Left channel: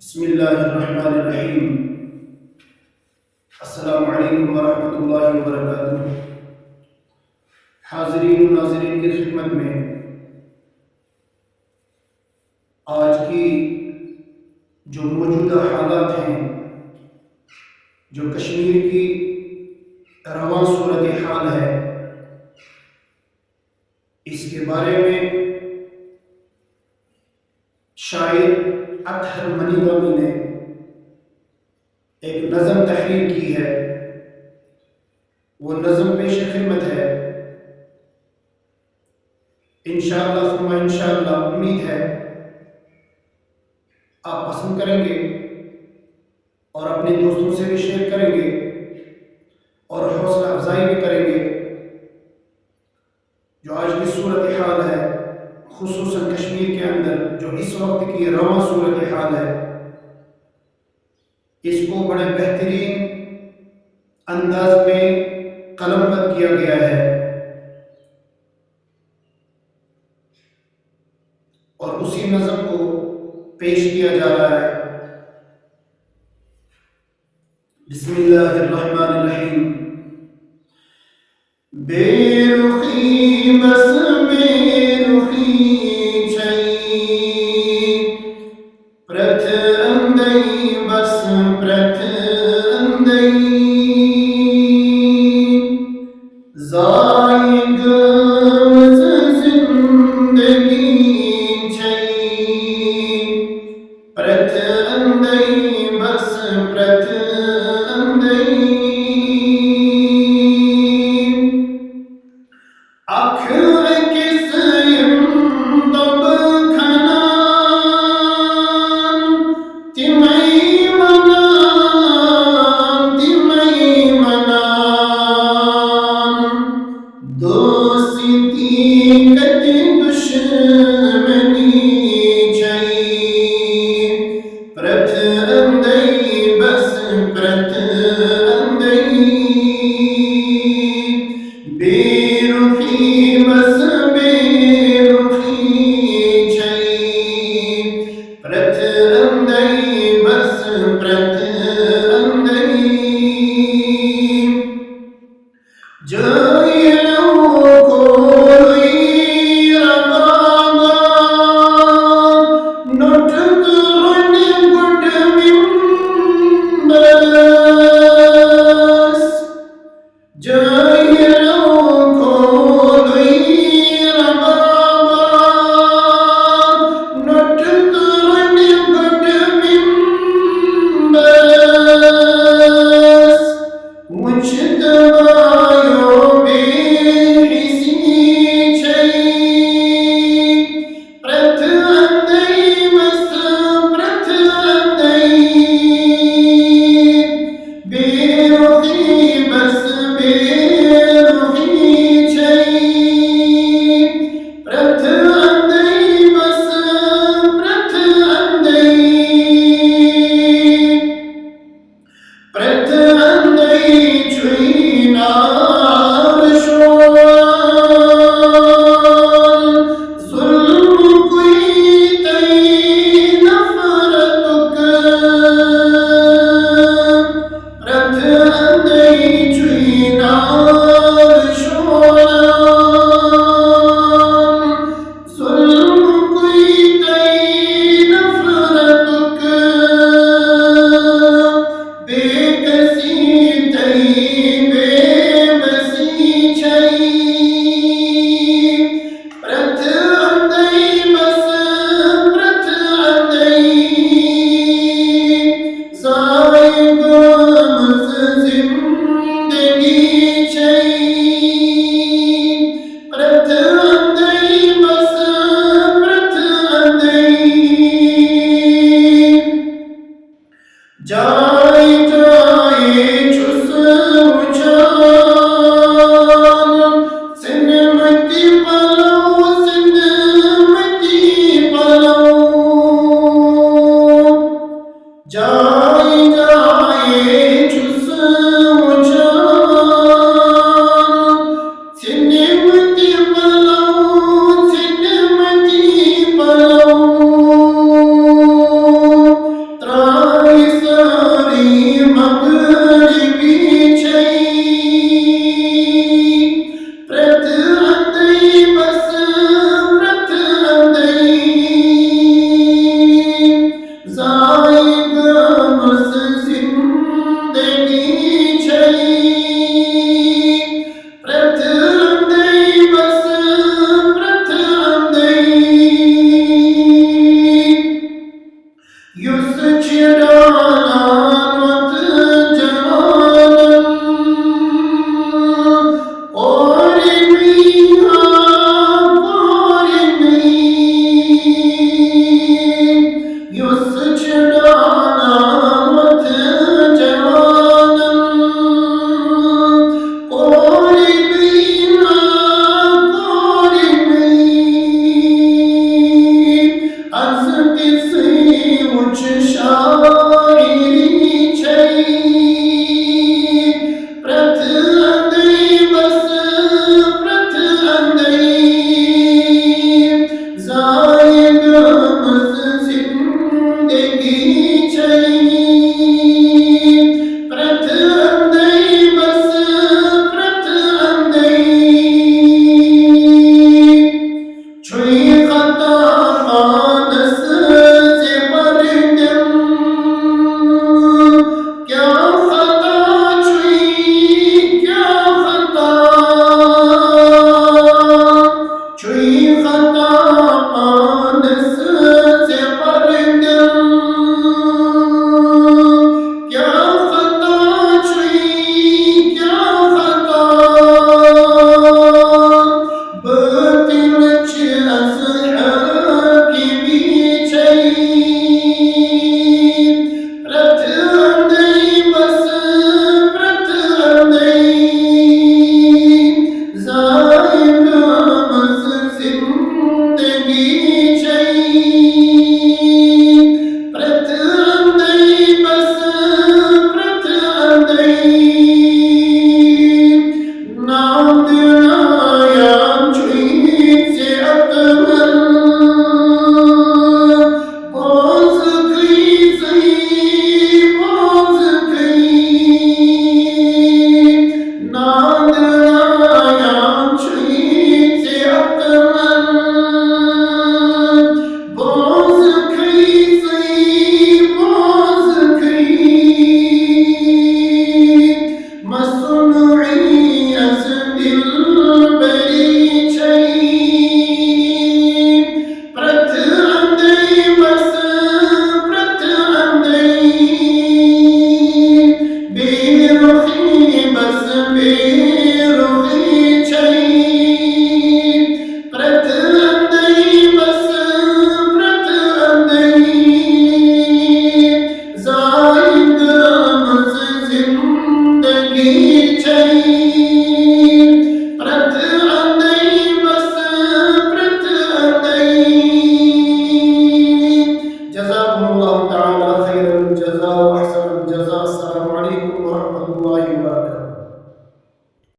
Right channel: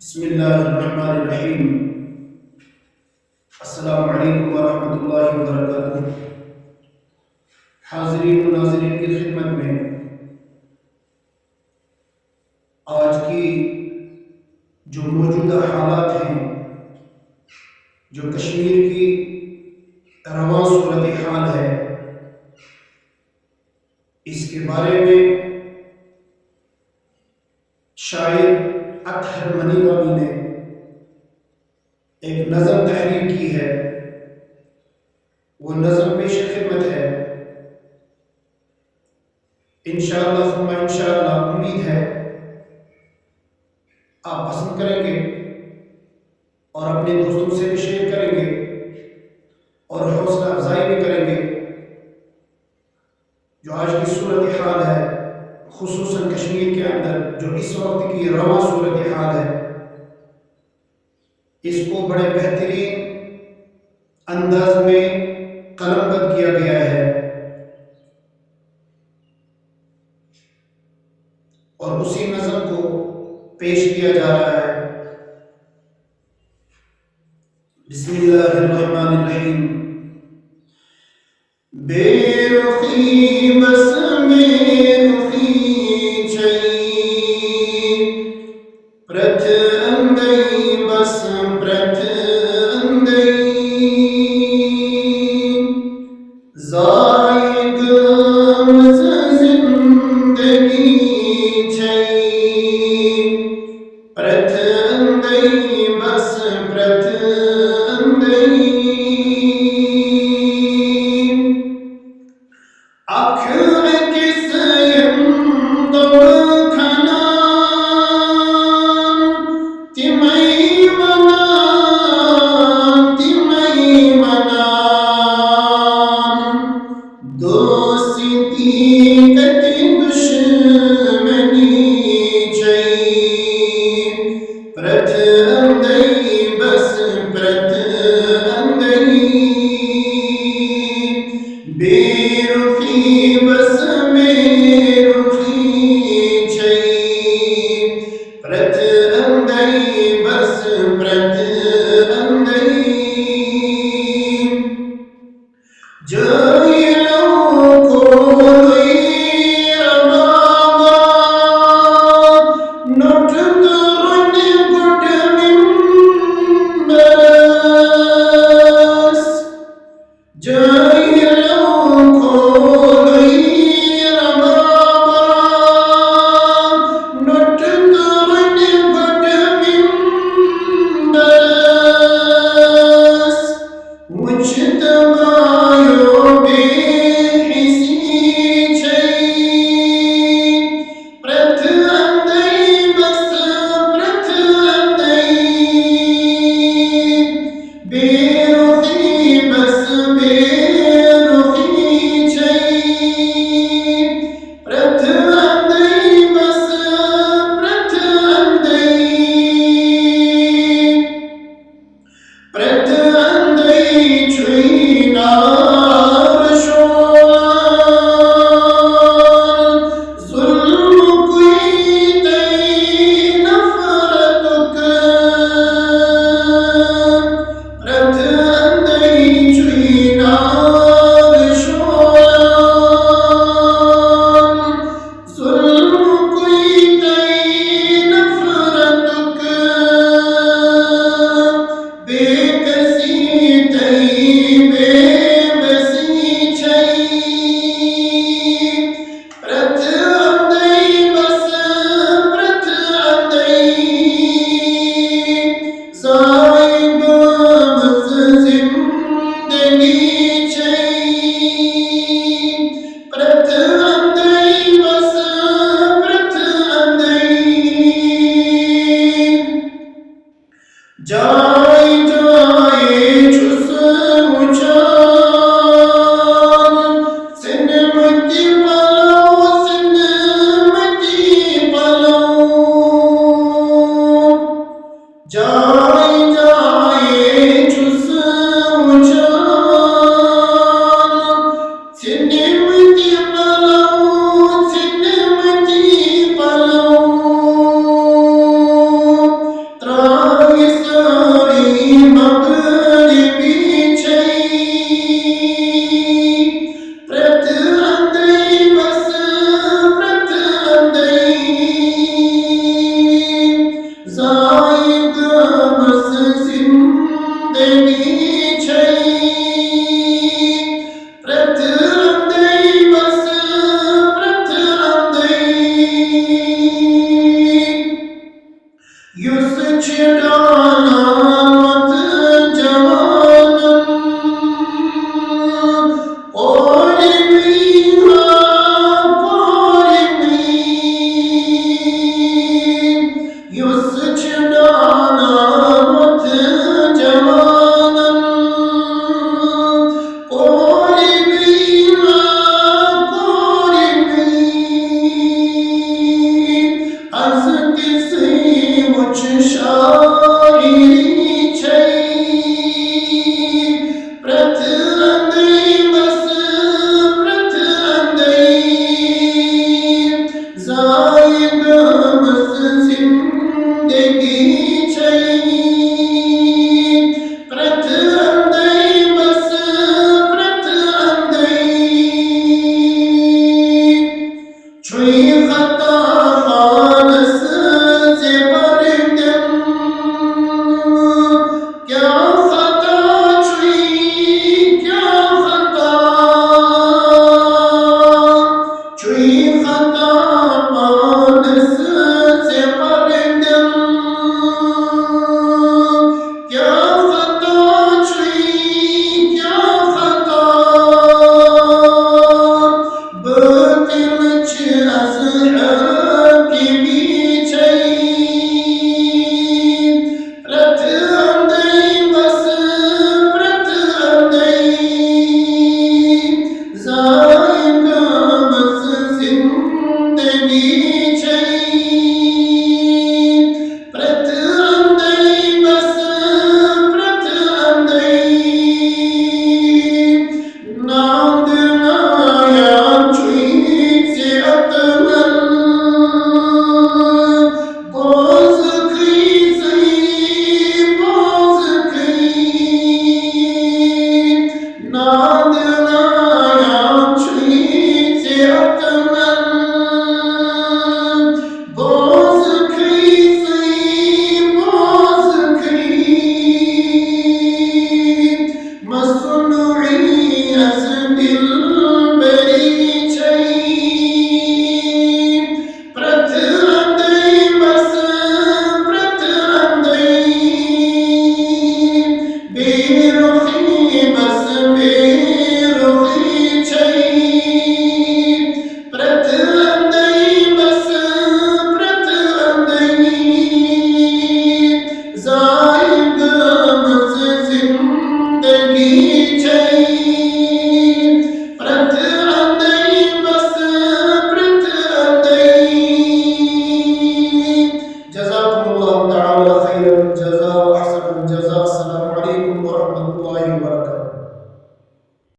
बिस्मिल्लाहिर्रहमानिर्रहीम। अस्सलामु अलैकुम वरहमतुल्लाहि वबरकातुहू। हाज़रीन व नाज़रीन की खिदमत में आज की जो मौजूदा हालात हैं, जो कश्मीर की रवां सूरत हाल है, इसके बारे में शायर अतहर मनीरामी ने एक नज़म तहरीर की है। वो नज़म पेश खिदमत है। इंशाअल्लाह सुम्मा इंशाअल्लाह उम्मीद है आप पसंद करेंगे और अपने दोस्तों से भी शेयर करेंगे और हौसला अफजाई भी करेंगे। जो आज की सूरत हाल है, खुसूसन कश्मीर के अंदर जो इस वक्त की रवां सूरत हाल है, इसको बड़े बेहतरीन अंदाज में कलमबंद किया गया है और उसी नज़म को पेश किया जा रहा है। बिस्मिल्लाहिर्रहमानिर्रहीम। बेरुखी बस बेरुखी छई प्रथ अंदई बस प्रथ अंदई जायग जिंदगी छई प्रथ अंदई बस प्रथ अंदई अख किस यंदब खना तिमई मना तिमई मना दोस्ती कति दुश्मनी छई प्रथ अंदई बस प्रथ अंदई बेरुखी बस बेरुखी छई प्रथ अंदई बस प्रथ अंदई जयलो कोई रबाबा नोट करुन गुड मिंबस जयलो कोई रबाबा नोट करुन गुड मिंबस मुझतबायो बेहिसी छई प्रथ अंदई बस प्रथ अंदई बेरुखी बस बेरुखी छई प्रथ अंदई बस प्रथ अंदई प्रथ अंदई छुई नार शोल जुल्म कुई तई नफरतुक प्रथ अंदई छुई नार शोल जुल्म कुई तई नफरतुक बेकसी तई बेबसी छई प्रथ अंदई बस प्रथ अंदई जायग जिंदगी छई प्रथ अंदई बस प्रथ अंदई जाय जाए छुस उछाल सिनमती पलो सिनमती पलो जाय जाए छुस उछाल सिनमती पलो Yusçıdanat canım Ormiha Ormi Yusçıdanat